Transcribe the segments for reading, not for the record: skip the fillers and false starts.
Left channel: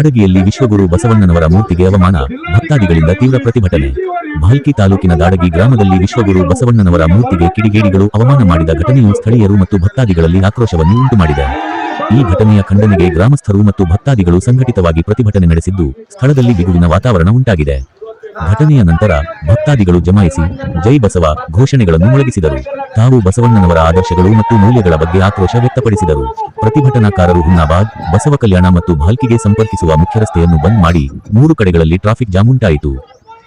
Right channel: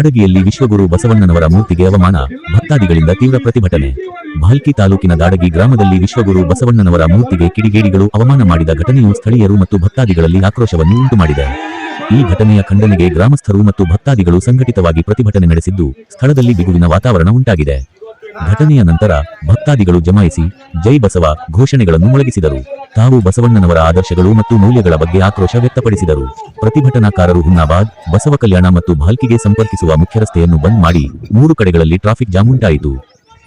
ದಾಡಗಿಯಲ್ಲಿ ವಿಶ್ವಗುರು ಬಸವಣ್ಣನವರ ಮೂರ್ತಿಗೆ ಅವಮಾನ, ಭಕ್ತಾದಿಗಳಿಂದ ತೀವ್ರ ಪ್ರತಿಭಟನೆ. ಭಾಲ್ಕಿ ತಾಲೂಕಿನ ದಾಡಗಿ ಗ್ರಾಮದಲ್ಲಿ ವಿಶ್ವಗುರು ಬಸವಣ್ಣನವರ ಮೂರ್ತಿಗೆ ಕಿಡಿಗೇಡಿಗಳು ಅವಮಾನ ಮಾಡಿದ ಘಟನೆಯು ಸ್ಥಳೀಯರು ಮತ್ತು ಭಕ್ತಾದಿಗಳಲ್ಲಿ ಆಕ್ರೋಶವನ್ನು ಉಂಟುಮಾಡಿದೆ. ಈ ಘಟನೆಯ ಖಂಡನೆಗೆ ಗ್ರಾಮಸ್ಥರು ಮತ್ತು ಭಕ್ತಾದಿಗಳು ಸಂಘಟಿತವಾಗಿ ಪ್ರತಿಭಟನೆ ನಡೆಸಿದ್ದು, ಸ್ಥಳದಲ್ಲಿ ಬಿಗುವಿನ ವಾತಾವರಣ ಉಂಟಾಗಿದೆ. ಘಟನೆಯ ನಂತರ ಭಕ್ತಾದಿಗಳು ಜಮಾಯಿಸಿ ಜೈ ಬಸವ ಘೋಷಣೆಗಳನ್ನು ಮೊಳಗಿಸಿದರು. ತಾವು ಬಸವಣ್ಣನವರ ಆದರ್ಶಗಳು ಮತ್ತು ಮೌಲ್ಯಗಳ ಬಗ್ಗೆ ಆಕ್ರೋಶ ವ್ಯಕ್ತಪಡಿಸಿದರು. ಪ್ರತಿಭಟನಾಕಾರರು ಹುಮ್ನಾಬಾದ್, ಬಸವ ಕಲ್ಯಾಣ ಮತ್ತು ಭಾಲ್ಕಿಗೆ ಸಂಪರ್ಕಿಸುವ ಮುಖ್ಯ ರಸ್ತೆಯನ್ನು ಬಂದ್ ಮಾಡಿ 3 ಕಡೆಗಳಲ್ಲಿ ಟ್ರಾಫಿಕ್ ಜಾಮ್ ಉಂಟಾಯಿತು.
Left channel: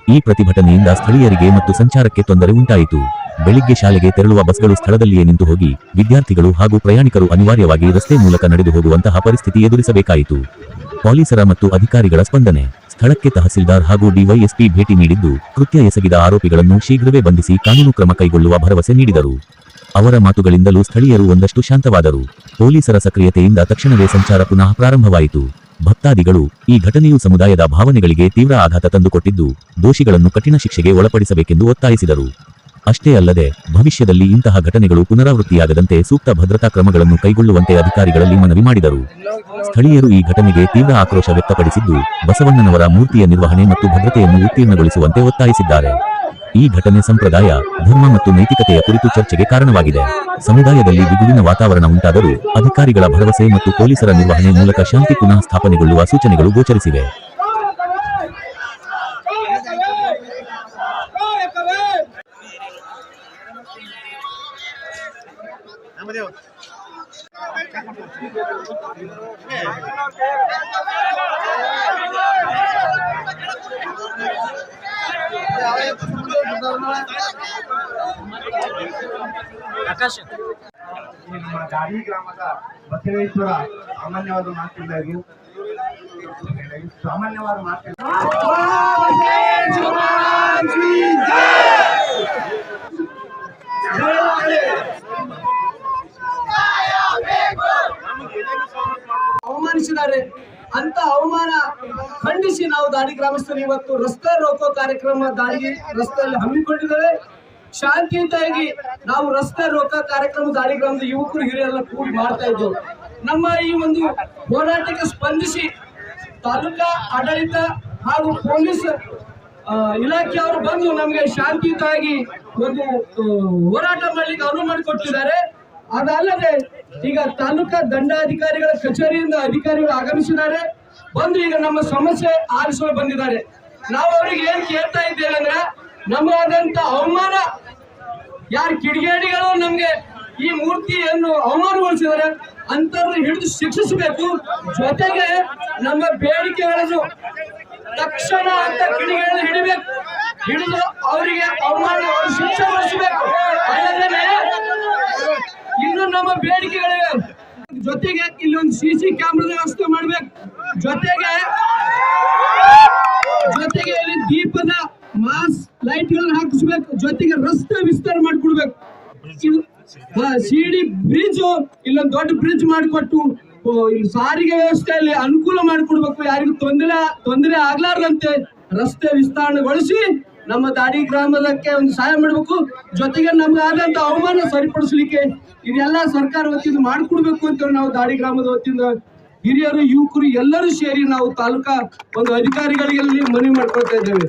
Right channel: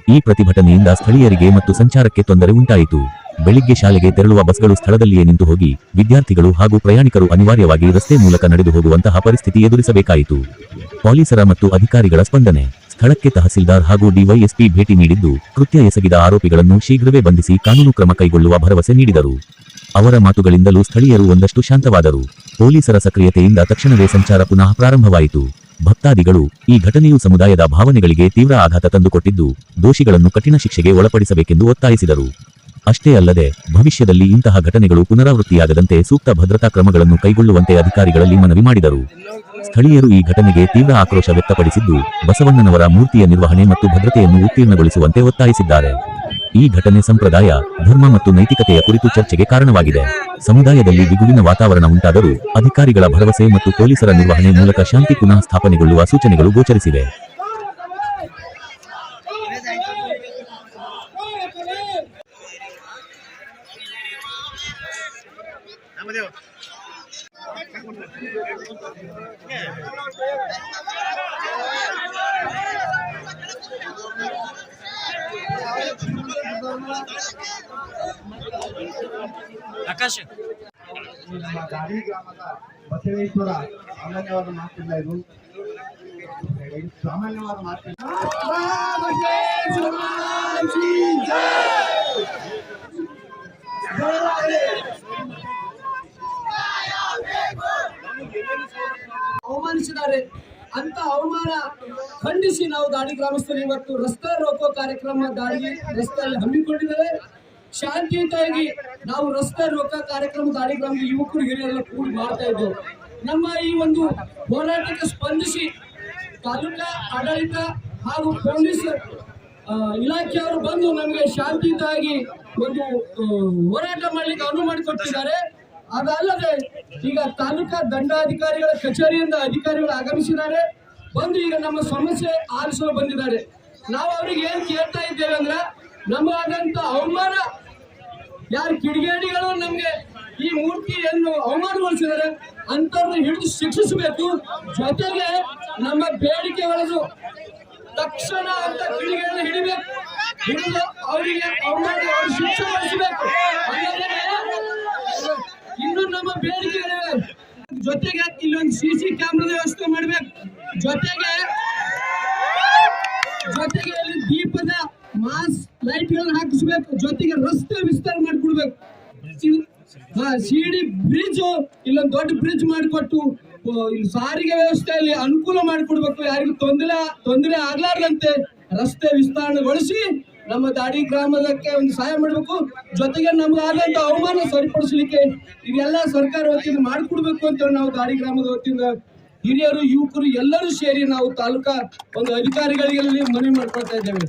ಈ ಪ್ರತಿಭಟನೆಯಿಂದ ಸ್ಥಳೀಯರಿಗೆ ಮತ್ತು ಸಂಚಾರಕ್ಕೆ ತೊಂದರೆ ಉಂಟಾಯಿತು. ಬೆಳಿಗ್ಗೆ ಶಾಲೆಗೆ ತೆರಳುವ ಬಸ್ಗಳು ಸ್ಥಳದಲ್ಲಿಯೇ ನಿಂತು ಹೋಗಿ ವಿದ್ಯಾರ್ಥಿಗಳು ಹಾಗೂ ಪ್ರಯಾಣಿಕರು ಅನಿವಾರ್ಯವಾಗಿ ರಸ್ತೆ ಮೂಲಕ ನಡೆದು ಹೋಗುವಂತಹ ಪರಿಸ್ಥಿತಿ ಎದುರಿಸಬೇಕಾಯಿತು. ಪೊಲೀಸರ ಮತ್ತು ಅಧಿಕಾರಿಗಳ ಸ್ಪಂದನೆ. ಸ್ಥಳಕ್ಕೆ ತಹಸೀಲ್ದಾರ್ ಹಾಗೂ ಡಿವೈಎಸ್ಪಿ ಭೇಟಿ ನೀಡಿದ್ದು, ಕೃತ್ಯ ಎಸಗಿದ ಆರೋಪಿಗಳನ್ನು ಶೀಘ್ರವೇ ಬಂಧಿಸಿ ಕಾನೂನು ಕ್ರಮ ಕೈಗೊಳ್ಳುವ ಭರವಸೆ ನೀಡಿದರು. ಅವರ ಮಾತುಗಳಿಂದಲೂ ಸ್ಥಳೀಯರು ಒಂದಷ್ಟು ಶಾಂತವಾದರು. ಪೊಲೀಸರ ಸಕ್ರಿಯತೆಯಿಂದ ತಕ್ಷಣವೇ ಸಂಚಾರ ಪುನಃ ಪ್ರಾರಂಭವಾಯಿತು. ಭಕ್ತಾದಿಗಳು, ಈ ಘಟನೆಯು ಸಮುದಾಯದ ಭಾವನೆಗಳಿಗೆ ತೀವ್ರ ಆಘಾತ ತಂದುಕೊಟ್ಟಿದ್ದು, ದೋಷಿಗಳನ್ನು ಕಠಿಣ ಶಿಕ್ಷೆಗೆ ಒಳಪಡಿಸಬೇಕೆಂದು ಒತ್ತಾಯಿಸಿದರು. ಅಷ್ಟೇ ಅಲ್ಲದೆ ಭವಿಷ್ಯದಲ್ಲಿ ಇಂತಹ ಘಟನೆಗಳು ಪುನರಾವೃತ್ತಿಯಾಗದಂತೆ ಸೂಕ್ತ ಭದ್ರತಾ ಕ್ರಮಗಳನ್ನು ಕೈಗೊಳ್ಳುವಂತೆ ಅಧಿಕಾರಿಗಳಲ್ಲಿ ಮನವಿ ಮಾಡಿದರು. ಸ್ಥಳೀಯರು ಈ ಘಟನೆಗೆ ತೀವ್ರ ಆಕ್ರೋಶ ವ್ಯಕ್ತಪಡಿಸಿದ್ದು, ಬಸವಣ್ಣನವರ ಮೂರ್ತಿಯ ನಿರ್ವಹಣೆ ಮತ್ತು ಭದ್ರತೆಯನ್ನು ಉತ್ತೀರ್ಣಗೊಳಿಸುವಂತೆ ಒತ್ತಾಯಿಸಿದ್ದಾರೆ. ಈ ಘಟನೆ ಸಂಪ್ರದಾಯ, ಧರ್ಮ ಮತ್ತು ನೈತಿಕತೆಯ ಕುರಿತು ಚರ್ಚೆಗೆ ಕಾರಣವಾಗಿದೆ. ಸಮುದಾಯದಲ್ಲಿ ಬಿಗುವಿನ ವಾತಾವರಣ ಉಂಟಾದರೂ ಅಧಿಕಾರಿಗಳ ಭರವಸೆ ಮತ್ತು ಪೊಲೀಸರ ನಿರ್ವಹಣೆ ಮೂಲಕ ಶಾಂತಿ ಪುನಃ ಸ್ಥಾಪನೆಗೊಳ್ಳುವ ಸೂಚನೆಗಳು ಗೋಚರಿಸಿವೆ. ನಮ್ಮ ದಾಡಿ ಗ್ರಾಮದ ಬಸವೇಶ್ವರ ಸಾಮಾನ್ಯವಾದ ಮಾತಿಲ್ಲ, ಇದು ಸಾಮಾನ್ಯವಾದ ಮಾತಿಲ್ಲ. ಅವಮಾನಿಸಿದ್ದಾರೆ ಅಂತ ಅವಮಾನ ಖಂಡಿಸಿ ನಾವು ದಾಡಿ ಗ್ರಾಮಸ್ಥರು ಇವತ್ತು ರಸ್ತೆ ರೋಕೋ ಕಾರ್ಯಕ್ರಮ ದಾಡಿ ರಸ್ತೆಯಲ್ಲಿ ಹಮ್ಮಿಕೊಂಡಿದ್ದೇವೆ. ಶಾಂತಿಯುತವಾಗಿ ನಾವು ರಸ್ತೆ ರೋಕ ಕಾರ್ಯಕ್ರಮ ದಾಡಿ ಗ್ರಾಮದ ಯುವಕರು ಹಿರಿಯರೆಲ್ಲ ಕೂಡಿ ಮಾಡ್ತಾ ಇದ್ದೇವೆ. ನಮ್ಮ ಈ ಒಂದು ಹೋರಾಟಕ್ಕೆ ಸ್ಪಂದಿಸಿ ತಾಲೂಕಾ ಆಡಳಿತ ಹಾಗೂ ಪೊಲೀಸ್ ಇಲಾಖೆಯವರು ಬಂದು ನಮಗೆ ಶಾಂತಿಯುತವಾಗಿ ಒಂದು ಹೋರಾಟ ಮಾಡ್ಲಿಕ್ಕೆ ಅನುವು ಮಾಡಿಕೊಟ್ಟಿದ್ದಾರೆ. ಅದಲ್ಲದೆ ಈಗ ತಾಲೂಕಾ ದಂಡಾಧಿಕಾರಿಗಳ ಕಚೇರಿಯಿಂದ ಅಧಿಕಾರಿಗಳು ಆಗಮಿಸಿದ್ದಾರೆ. ಬಂದು ಈಗ ನಮ್ಮ ಸಮಸ್ಯೆ ಆಲಿಸಲು ಬಂದಿದ್ದಾರೆ. ನಾವು ಅವರಿಗೆ ಏನ್ ಕೇಳ್ತಾ ಇದ್ದೇವೆ ಅಂದ್ರೆ, ನಮಗಾದಂತ ಅವಮಾನ, ಯಾರು ಕಿಡಿಗೇಡಿಗಳು ನಮ್ಗೆ ಈ ಮೂರ್ತಿಯನ್ನು ಅವಮಾನಗೊಳಿಸಿದ್ದಾರೆ ಅಂತವ್ರನ್ನ ಹಿಡಿದು ಶಿಕ್ಷಿಸಬೇಕು. ಜೊತೆಗೆ ನಮ್ಮ ಬೇಡಿಕೆಗಳನ್ನು ತಕ್ಷಣ ಅಂತ ಕಿಡಿಗೇಡಿ ಹಿಡಿಬೇಕು, ಹಿಡಿದು ಅವರಿಗೆ ಅವಮಾನ ಶಿಕ್ಷೆಗೊಳಿಸಬೇಕು. ಅಲ್ಲದೆ ಇನ್ನು ನಮ್ಮ ಬೇಡಿಕೆಗಳಿವೆ. ಜೊತೆಗೆ ಇಲ್ಲಿ ಒಂದು CC ಕ್ಯಾಮ್ರಾದ ವ್ಯವಸ್ಥೆ ಮಾಡ್ಬೇಕು. ಜೊತೆಗೆ ಇಲ್ಲಿ ದೀಪದ ಮಾಸ್ ಲೈಟ್ಗಳನ್ನ ಹಾಕಿಸ್ಬೇಕು. ಜೊತೆಗೆ ರಸ್ತೆ ವಿಸ್ತಾರ ಮಾಡಿಕೊಡ್ಬೇಕು. ಸಿಡಿ ಬ್ರಿಡ್ಜ್, ಇಲ್ಲೊಂದು ದೊಡ್ಡ ಬ್ರಿಡ್ಜ್ ಮಾಡಿಕೊಟ್ಟು ಇಲ್ಲಿ ಸಾರಿಗೆ ವ್ಯವಸ್ಥೆಯಲ್ಲಿ ಅನುಕೂಲ ಮಾಡಿಕೊಡ್ಬೇಕು. ಯಾರಿಗೂ ತೊಂದರೆ ಆಗ್ಲಾರ್ದಂತೆ ರಸ್ತೆ ವಿಸ್ತರಣೆಗೊಳಿಸಿ ನಮ್ಮ ದಾಡಿ ಗ್ರಾಮದಕ್ಕೆ ಒಂದು ಸಹಾಯ ಮಾಡಬೇಕು. ಜೊತೆಗೆ ನಮ್ಗಾದಂತ ಅವಮಾನ ಸರಿಪಡಿಸಲಿಕ್ಕೆ ಇದೆಲ್ಲ ಸರ್ಕಾರ ವತಿಯಿಂದ ಮಾಡಿಕೊಡ್ಬೇಕು ಅಂತ ನಾವು ದಾಡಿ ಗ್ರಾಮದ ವತಿಯಿಂದ ಹಿರಿಯರು, ಯುವಕರು ಎಲ್ಲರೂ ಸೇರಿ ನಾವು ತಾಲೂಕಾ ಒಂದು ಅಧಿಕಾರಿಗಳಿಗೆ ಮನವಿ ಮಾಡ್ಕೊಳ್ತಾ ಇದ್ದೇವೆ.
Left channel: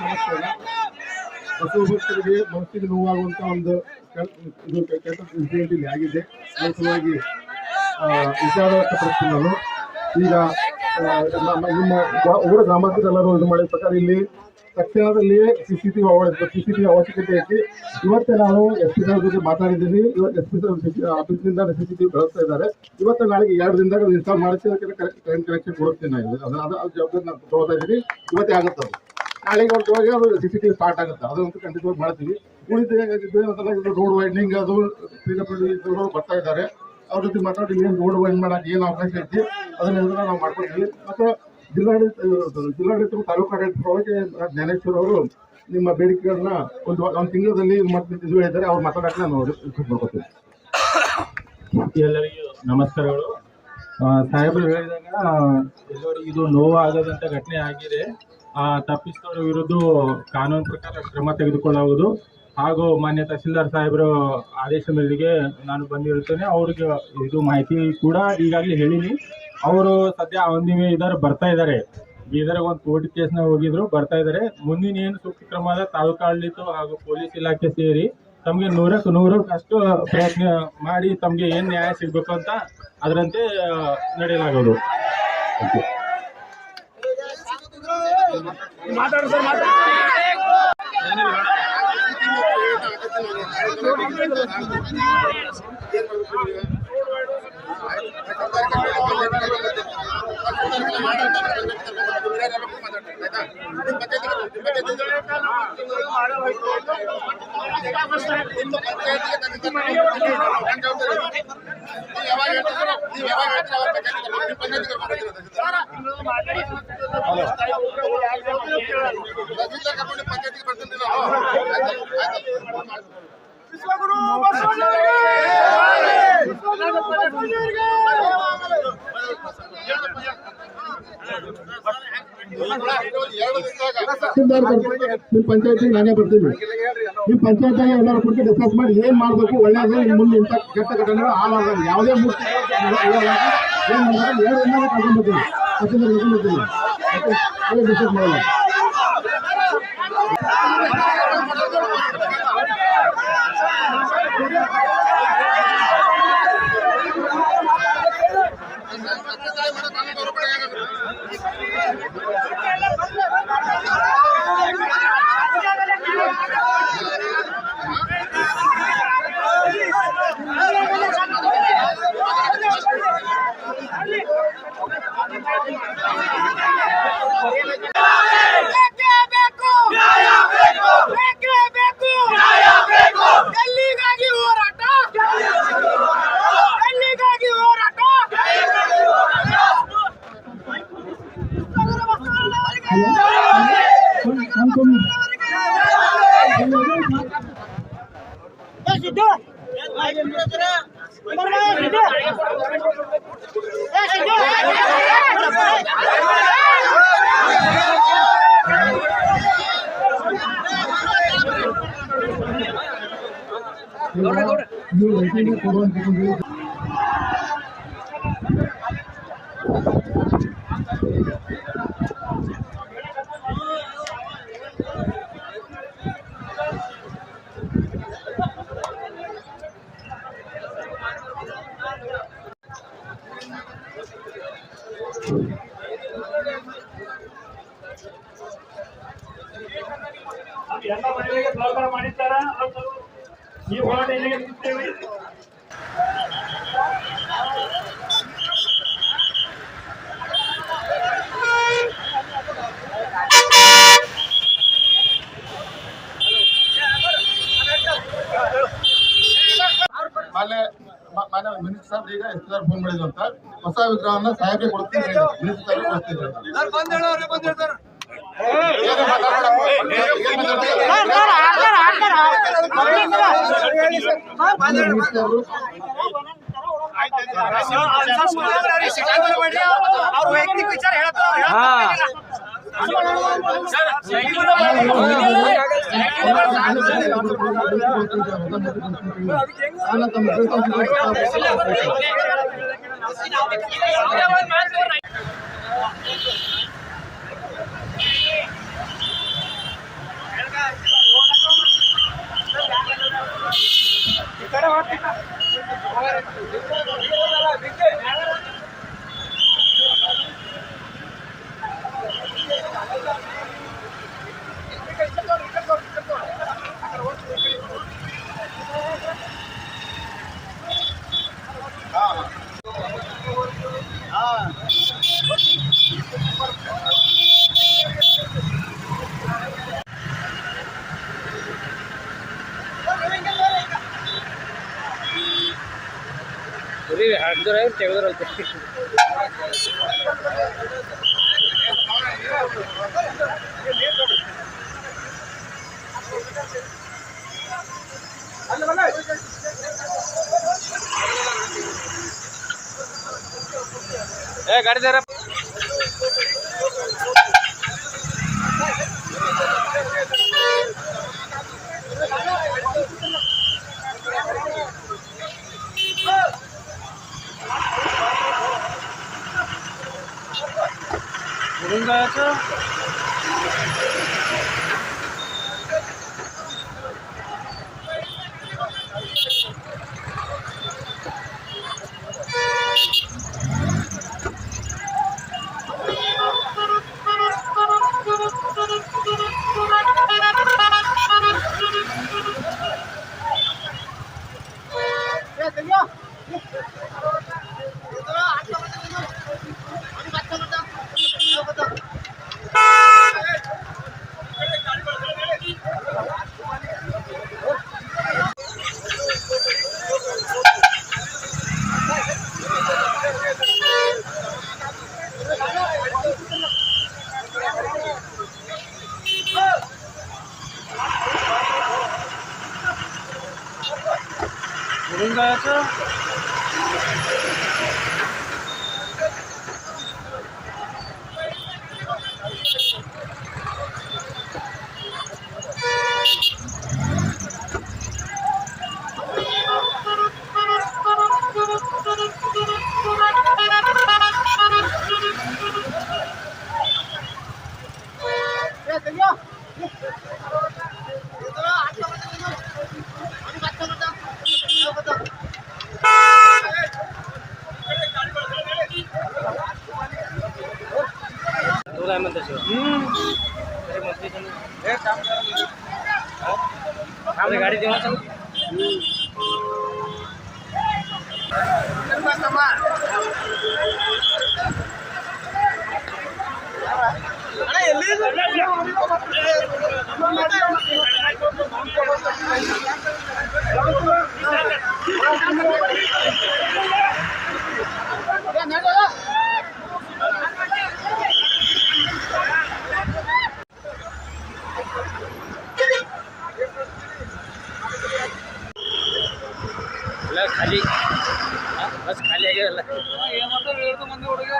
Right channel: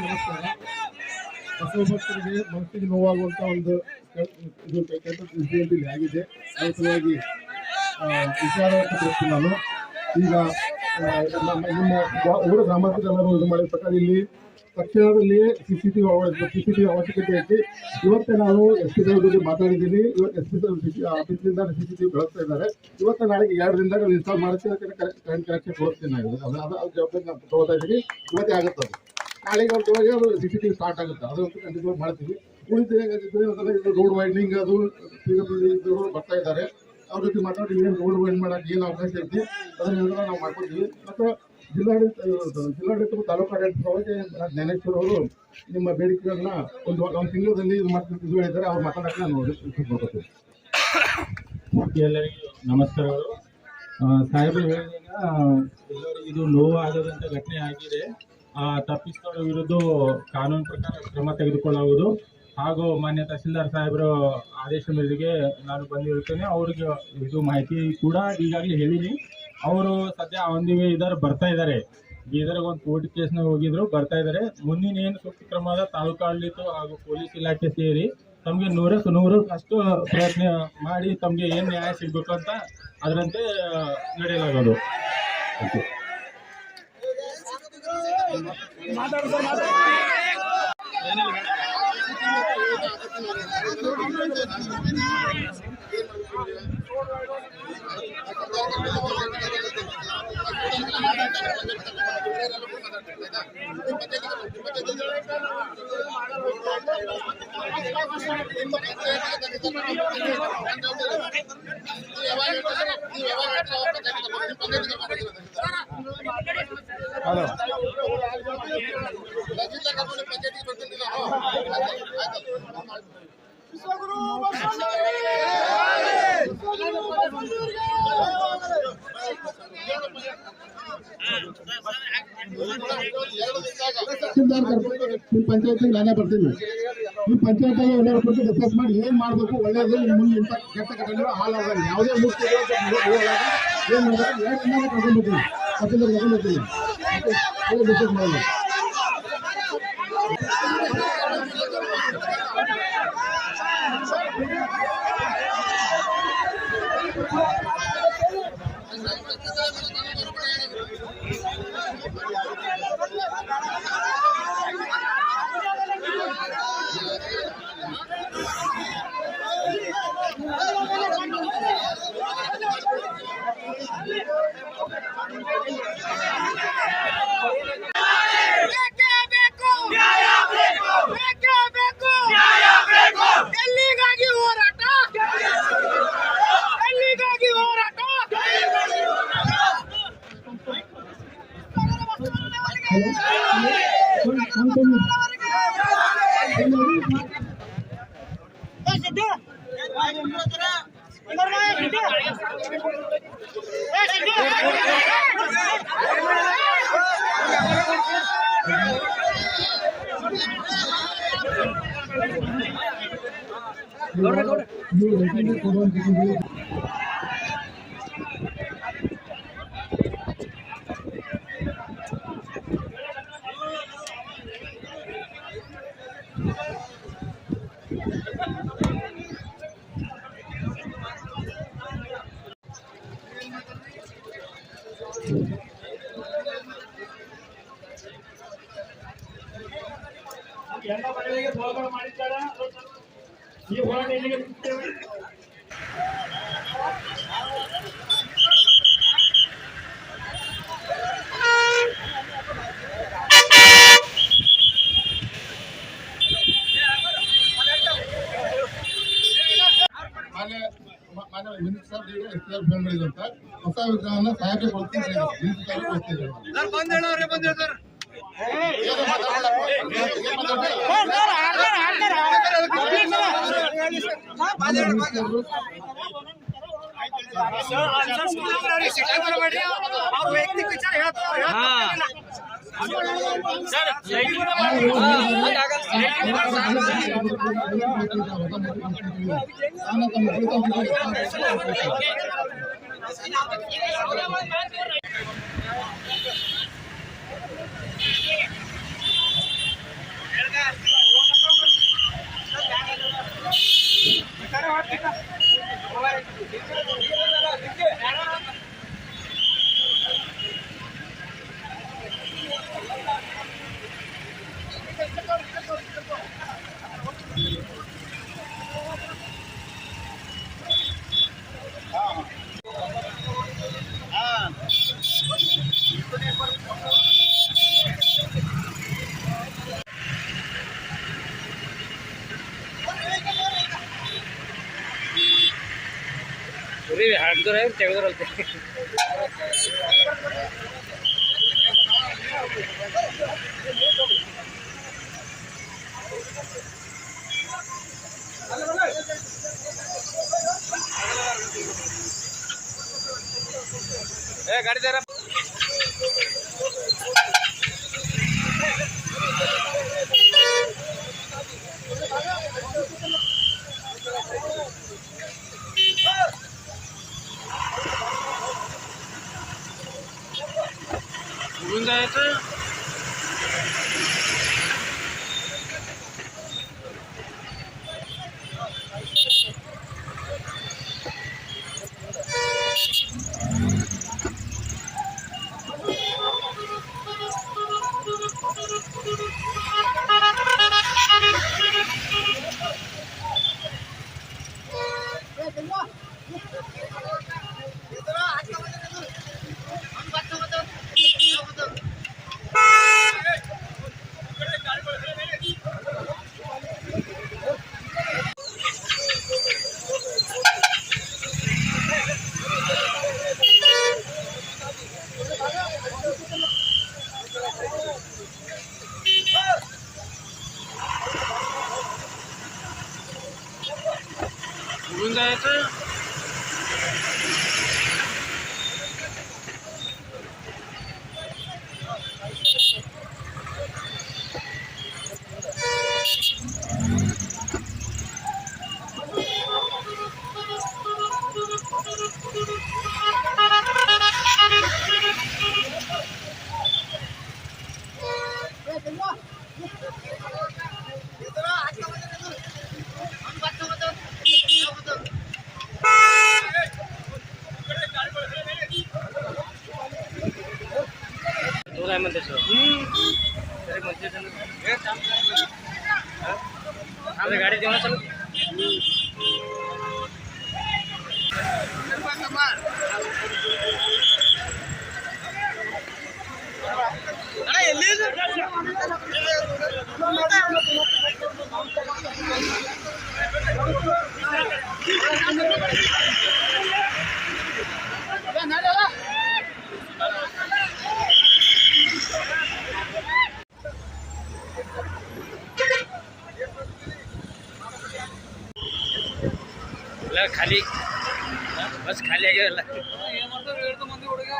ನಮಸ್ಕಾರ. ಬಸವ ಭಕ್ತರಿಗೆ ಮನಸ್ಸಿಗೆ ನೋವಾಗುವಂತ ಒಂದು ಇದು ಕೆಟ್ಟ ಇನ್ಸಿಡೆಂಟ್ ಇಲ್ಲಿ ಆಗಿದೆ. ಅದರ ಸಲುವಾಗಿ ವಿಚಾರ ವ್ಯಕ್ತಪಡಿಸ್ತೀನಿ ನಾನು. ಈಗ ನಿಮ್ಮ ಊರ ಗ್ರಾಮಸ್ಥರೆಲ್ಲರೂ ಇದು ಮಾಡಿದ ಪ್ರಕಾರ ಇಲ್ಲಿ ತಕ್ಷಣದಲ್ಲಿಯೇ CCTV ಅವಶ್ಯಕತೆ ಐತಿ. ಇವತ್ತೇ ನಾನು SP ಸಾಹೇಬ್ ಜೊತೆ ಮಾತಾಡಿದ್ದೀನಿ. ಇವತ್ತು SP ಆಫೀಸ್ನಿಂದ CCTV ಬಳಸ್ತಾ ಇದ್ದಾರೆ. ಇವತ್ತು ನಾಳೆಗೆ 2 ದಿನದಾಗ ಇನ್ಸ್ಟಾಲ್ ಮಾಡಿಸಿ ಕರೆಂಟ್ ಕನೆಕ್ಷನ್ ಕೊಡುತ್ತೇನೆ. ಅದು ಜವಾಬ್ದಾರಿ ನಾನು ತಗೋತಾ ಇದ್ದೀನಿ. ಇವತ್ತೇ ಆಗುತ್ತೆ ಅದು. ನಾಳೆಗೆ ಹೊರಟುವಾಗ ಅದು CCTV ಸ್ಟಾರ್ಟ್ ಆಗುತ್ತೆ. ಅದಂತೂ ಖಂಡಿತವಾಗಿ ಮಾಡ್ತೀವಿ. ಉಳಿದ ಏನಂತಲ್ಲ ಇದು ರೋಡ್ ವೈಡ್ನಿಂಗ್ ಅದು ಬರ್ತಾ ಇದ್ದಾರೆ. ಅವ್ರ ಜೊತೆ ಮಾತಾಡಿ ಏನು ರೋಡ್ ವೈಡ್ ಮಾಡೋಕೆ ಏನು ಅವಕಾಶ ಐತಿ ಅದನ್ನೆಲ್ಲ ನಾವು ಮಾಡ್ಕೊತೀವಿ. ಮತ್ತು ಜಿಲ್ಲಾಡಳಿತ ತಾಲೂಕು ಆಡಳಿತವಾಗಿ ಜ್ಞಾನೇಶ್ವರ್ ಅವರು ನಿಮ್ಮ ಬೇಡಿಕೆಗಳನ್ನ ಒಂದು ತಿಂಗಳಲ್ಲಿ ಇದು ಹೇಳಿದ್ದಾರೆ. ಅವ್ರು ಮಾತಾಡೋಕೆ ನಾನು ರಿಕ್ವೆಸ್ಟ್ ಮಾಡ್ಕೊತೀನಿ. ಎಲ್ಲರಿಗೂ ನಮಸ್ಕಾರಗಳು. ಸಾಹೇಬರು ಹೇಳಿದಾಗ ಎಲ್ಲರಿಗೂ ಇದು ನೋವಾಗದಂಥ ಘಟನೆ ಆಗಿದೆ. ತಪ್ಪಿಸಿದವರ ವಿರುದ್ಧ ಕಾನೂನು ಪ್ರಕಾರ ಕ್ರಮ ತೆಗೆದುಕೊಳ್ಳುವುದು ಹಾಗೂ ಮಾನ್ಯ ತಹಸೀಲ್ದಾರ್ ಸಾಹೇಬರು ಆದೇಶ ಮೇರೆಗೆ ನಾನು ಬಂದಿರುತ್ತೇನೆ. ಅವ್ರಿಗೆ ಇದು ಮಾಹಿತಿ ಕೂಡ ಈಗಾಗಲೇ ಹೇಳಿನಿ. ಅವರು ಸದ್ಯ ಒಂದಿವೆ ಬರ್ತಾ ಇದ್ದಾರೆ. ಬೀದರ್ಗೆ ಒಂದು ಕೋರ್ಟ್ ಕೇಸ್ನ ಹೋಗಿದ್ರು, ಬರ್ತಾ ಇದ್ದಾರೆ. ಮುಂದಿನ ಏನು ಸೂಕ್ತ ಕ್ರಮದ ತಾಲೂಕು ಆಡಳಿತ ಹಾಗೂ ಪೊಲೀಸ್ ಇಲಾಖೆ ಸೇರಿ ತಮಗೆ 100% ಪ್ರಯತ್ನ ಮಾಡಿ ತಮಗೆ ಏನು ನ್ಯಾಯ ಸಿಗಬೇಕು ಅಂತ ಅದರಂತೆ ನಡೆಯಲಾಗೋದು. ನಿಮ್ಮ ಪಂಚಾಯತಿಗೆ ನಾನೇ ಬರ್ತೀನಿ. ನಿಮ್ಮ ಪಂಚಾಯತಿಗೆ ಎಲ್ಲರೂ ಕುರಿತು ಡಿಸ್ಕಸ್ ಮಾಡಿ ಏನು ಮಾಡಬೇಕು ಒಳ್ಳೆಯದು. ಮುಂದೆ ಇಂಥ ಕೆಟ್ಟ ಘಟನೆಗಳು ಹಾಳಾಗಲ್ಲ. ಯಾವುದೇ ಮೂರ್ತಿ ಏನು ಮಾಡಬೇಕು 2 ದಿನ ಕರ್ಕೊಂಡ್ಬರ್ತೀನಿ. 10 ದಿನ ಕರ್ಕೊಂಡ್ಬರ್ತೀನಿ. ಅದೇ ಡಿಸ್ಕಸ್ ಮಾಡೋಣ. ಎಲ್ಲ ಮನೆಗಳಿಗೆ ಸಹಕಾರ ಮಾಡಿದ್ದಾರ ಈ ಹೋರಾಟ ಈಗ ಎಸ್ಆರ್ ಫೋನ್ ಮಾಡಿದ್ರು ಅಂತ ಹೊಸ ವಿಗ್ರಹವನ್ನ ಸಾಹೇಬ್ಗೆ ಕೊಡ್ತೀನಿ ವೈಯಕ್ತಿಕ ವಿಚಾರ ಹೇಳ್ತಾರೆ. ಹಾಕಿದ್ರೆ ತೆಗೆದ್ರಂತೆ. ಗಾಡಿ ದಾರ कुठून जायचं? कुठून जायचं? गाडी देऊ खाली बस खाली आगे मंदी हुಡುಗ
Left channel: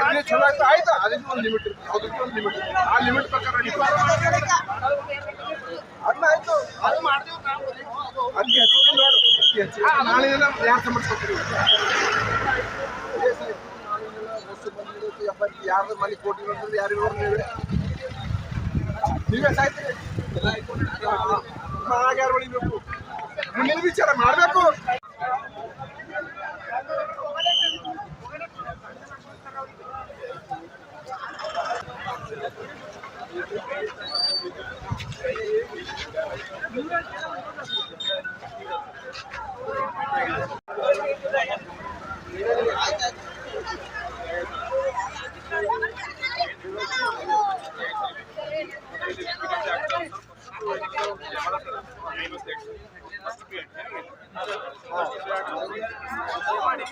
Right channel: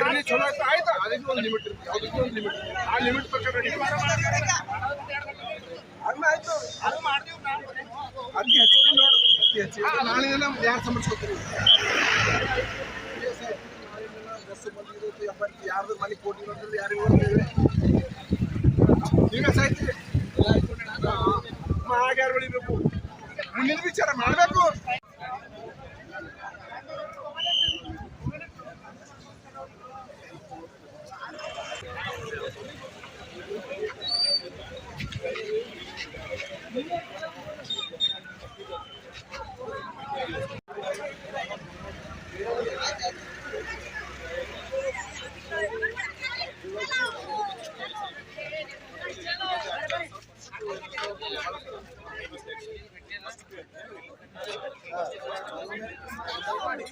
ಮಾಡಿದ್ರೆ ಚಲೋ ಆಯ್ತು ಆಯ್ತು ಅದಕ್ಕೆ ಒಂದು ಲಿಮಿಟ್ ಇರುತ್ತೆ ಅದಕ್ಕೆ ಒಂದು ಲಿಮಿಟ್ ಇರುತ್ತೆ ಆ ಲಿಮಿಟ್ ಪ್ರಕಾರ ಅನ್ನ ಆಯ್ತು ಅದು ಮಾಡ್ತೀವಿ ನಾವು ಅದಕ್ಕೆ ಹೆಚ್ಚಿಗೆ ನೋಡು ನಾಳೆ ಯಾರು ಸಂಬಂಧಿಸ್ಕೊತೀವಿ ಕೇಸ್ ಆಯ್ತು ನಾವಿನ್ನೆಲ್ಲ ರಸ್ತೆ ಬಂದಿದ್ದು ಎಪ್ಪತ್ತು ಯಾರ್ದು ಮನೆ ಕೊಟ್ಟಿರೋದ್ರಲ್ಲಿ ಯಾರಿಗೂ ನೀವೇ ಸಾಯ್ತೀರಿ ಮನೆಗೆ ಯಾರು ಹೊಡಿಬೇಕು ಮುಂದಿನ ವಿಚಾರ ಮಾಡಬೇಕು. ಮಾಡಿ